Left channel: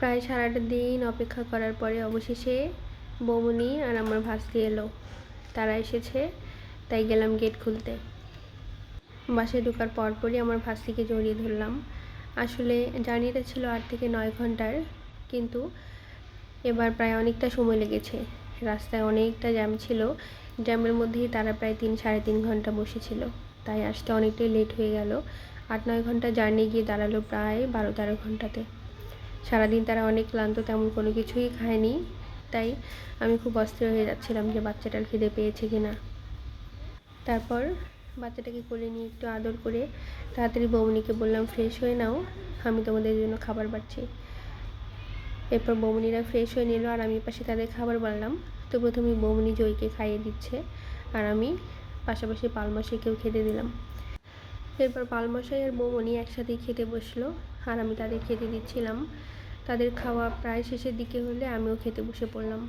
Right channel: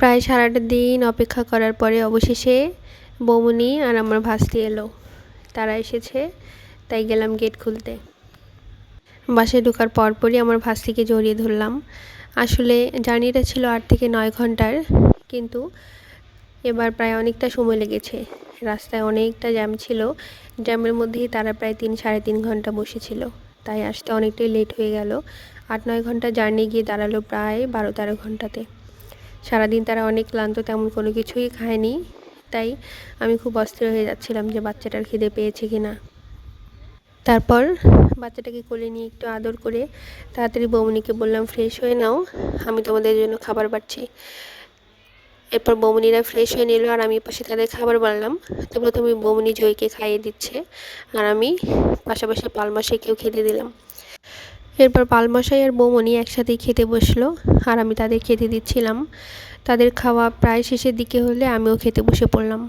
প্রায় সারাটা দিন অপেক্ষা করার পরে অবশেষে বৌমনি আর আমার ভাস্তি এলো। তারা এসেছে, তাই গেলাম গেট খুলতে। বাসায় ঢোকার পরপরই আমার ভাস্তিকে জড়িয়ে ধরলাম। আসলে জার্নিটা ছিল 8 থেকে 9 ঘন্টার, কিন্তু এবার প্রায় অনেকটা সময় লেগেছে। রাস্তায় অনেকটা জ্যাম ছিল, জ্যামের মধ্যেই তারা প্রায় 3-3.5 ঘন্টা বসেছিল, তাই আসতে অনেকটাই লেট হয়ে গেল। 8-9 ঘন্টা জার্নি গিয়ে দাঁড়ালো প্রায় 12-13 ঘন্টাতে। সারাদিন তারা অনেক ক্লান্ত, তেমন কোনো কিছুই খায়নি, তাই আমি খুব অস্থির হয়ে যাচ্ছিলাম যে বাচ্চাটার খিদে পেয়েছে কিনা। তারপর বাচ্চাটাকে কোলে নিয়ে একটু আদর করে তাড়াতাড়ি বৌমনিকে বললাম, ফ্রেশ হয়ে নাও, আমি তোমাদের জন্য খাবার বাড়ছি। এরপর বৌমনিরা ফ্রেশ হয়ে নিল আর আমি পাশে তাদের খাবার বাড়লাম। তো প্রথমে বৌমনি জয়কে খাইয়ে দিচ্ছে আর আমি পাশাপাশি পালমশাইকেও খেতে দিলাম। এরপর পালমশাই আর বৌমনি একসাথেই খেতে বসলো আর আমি তাদের খেতে দিচ্ছিলাম। তাদের খাওয়া প্রায় শেষের দিকে হলে আমিও খেতে বসে পড়লাম।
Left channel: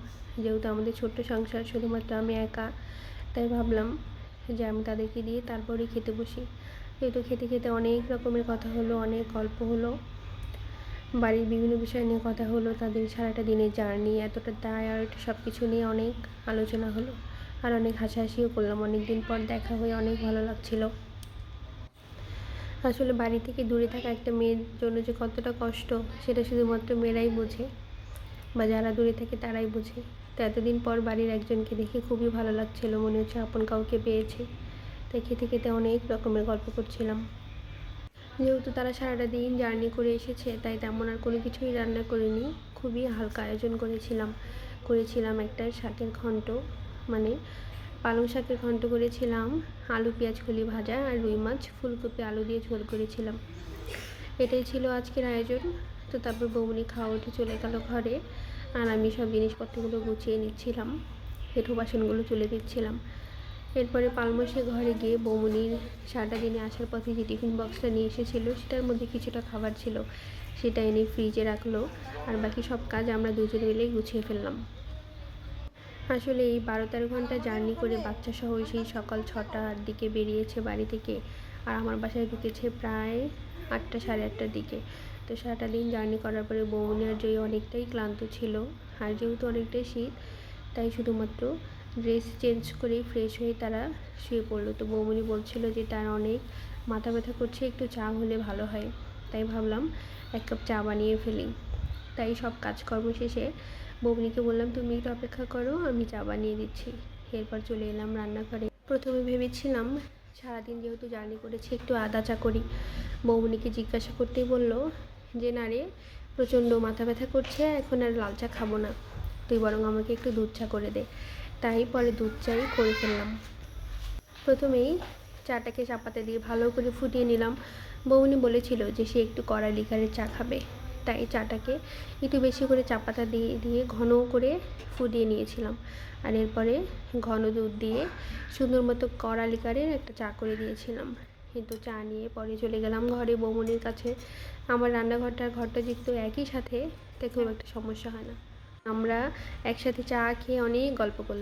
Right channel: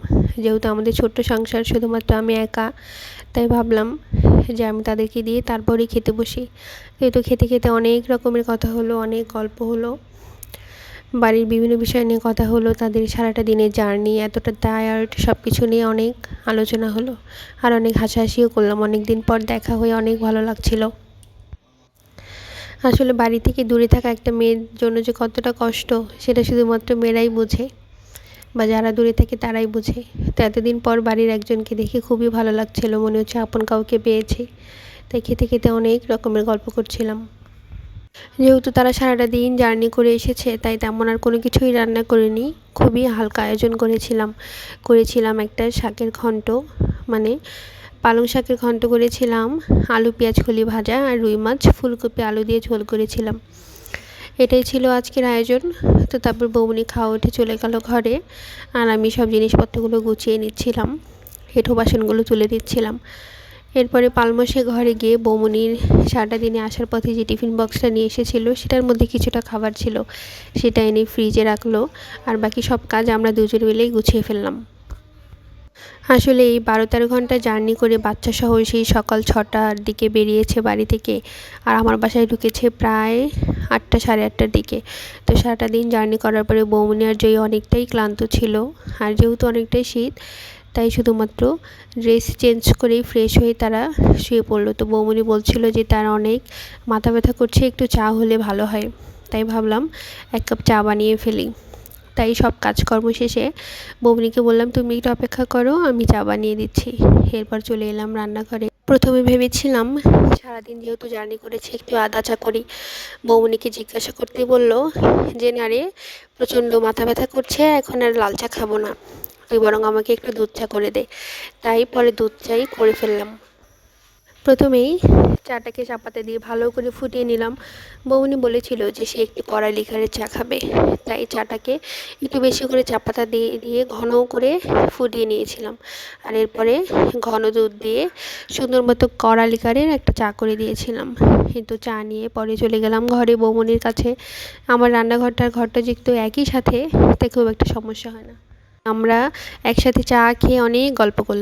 যেহেতু আমাদের ছোট্ট সংসার, শুধুমাত্র আমি একা, তাই ভাবলাম যে আমি তাদেরকে দিয়ে তারপরেই খেতে বসি। যেহেতু খেতে খেতে অনেক রকমের কথা হলো, অনেক গল্প হলো, বাড়ির বিভিন্ন বিষয় নিয়ে কথা হলো, তাদের সারাটা দিনের জার্নি, এতটা টায়ার্ড, সব কিছু নিয়ে অনেক আলোচনা হলো আর অনেক হাসাহাসিও করলাম। অনেক দিন পর দেখা হয়ে অনেক ভালো লাগছিল। আসলে বাড়ি থেকে দূরে থাকা একটা মেয়ের জন্য যে কতটা কষ্ট, সেটা শুধুমাত্র মেয়েরাই বোঝে, বা যারা দূরে থাকে তারাই বোঝে। তো এতদিন পর বাড়ির একজনকে দেখে খুবই ভালো লাগছিল, মনে হচ্ছে আপন কাউকে পেয়েছি। তাই খেতে খেতে অনেক রকমের গল্প করছিলাম। যেহেতু তারা সারাটা দিন জার্নি করে এসেছে, তাই তেমন আর কোনো কিছুই রান্না করিনি। খুবই হালকা আয়োজন করেছিলাম একটা শাকের ঘন্ট, মানে পালং শাকের ঘন্ট করেছিলাম, আলু পেঁয়াজ কলি ভাজা আর রুই মাছ ফুলকপি আলু দিয়ে ঝোল করেছিলাম। এটাই ছিল আজকের আয়োজন। তো তারপর বৌমনি খাওয়া উঠে চলে গেল ঘরে আর আমি সব জিনিসপত্রগুলো গুছিয়ে নিচ্ছিলাম, হেঁটো বাসনগুলো তুলে দিচ্ছিলাম। এরপরে পালমশাই ঘরে গিয়ে বৌমনির সারাটা দিনে আসার পথে যে টিফিন বক্সটা নিয়ে এসেছিল, সেটার মধ্যে কিছুটা খাবার ছিল, সেটা এনে ফ্রিজে রাখলো আর বাকি সব কাজ আমরা দুজন মিলেই গুছিয়ে ফেললাম। আসলে এই 12-13 ঘন্টা জার্নি করে বাচ্চা সহ সেই সকাল 6টার দিকে বেরিয়েছে বাড়ি থেকে, আর আমার বাসায় ঢুকেছে প্রায় 8টা, সাড়ে 8টার দিকে। তো সারাটা দিন জার্নি করার পরে বৌমনি আর জয় অনেকটাই ক্লান্ত ছিল, আর যেহেতু অনেকটাই শীত, তাই শুধুমাত্র ড্রেস চেঞ্জ করেই ফ্রেশ হয়ে তারা শুয়ে পড়লো। তো বৌমনি বলছিল যে তার অনেক মাথা ব্যথা করছে, একটু চা হলে ভালো হয়। তাই ভাবলাম 1 কাপ চা বানিয়ে ফেলি। তাই সব কাজকর্ম শেষে বৌমনিকে বললাম, তুমি একটু অপেক্ষা করো, আমি চা বানিয়ে দিচ্ছি। এরপর চলে এলাম রান্নাঘরে। প্রথমে ভেবেছিলাম সারাদিন যেহেতু জার্নি করেছি একটু আদা চা করি। বৌমনিকে জিজ্ঞাসা করতেই বলল যে না রে, প্রচণ্ড মাথা ব্যথা করছে, এখন আর লাল চা খাবো না, তুই বরং আমাকে একটু দুধ চা করে দে। তাই পরে দুধ চাই করে ফেললাম। প্রথমেই চাটাকে চাপাতে দিয়ে ভালো করে ফুটিয়ে নিলাম। বৌমনি বলেছিল যে সে একটু কড়া লিকারের চা খাবে, তাই চাটাকে একটু বেশি করে চাপাতা দিয়ে ঘন করে ফুটিয়ে নিয়েছিলাম। আর এরপরে ঘন দুধ দিয়ে সুন্দর মতো কড়া লিকারের একটা চা করে দিয়েছিলাম। কিন্তু চা নিয়ে পরে চলে গেলাম ঘরে বৌমনির কাছে। আমার রান্নাঘরটার ঘরটা যেহেতু একই সাথে, তাই খুব একটা সমস্যা হয় না। আমরা একসাথে চা খেয়ে অনেক গল্প করলাম।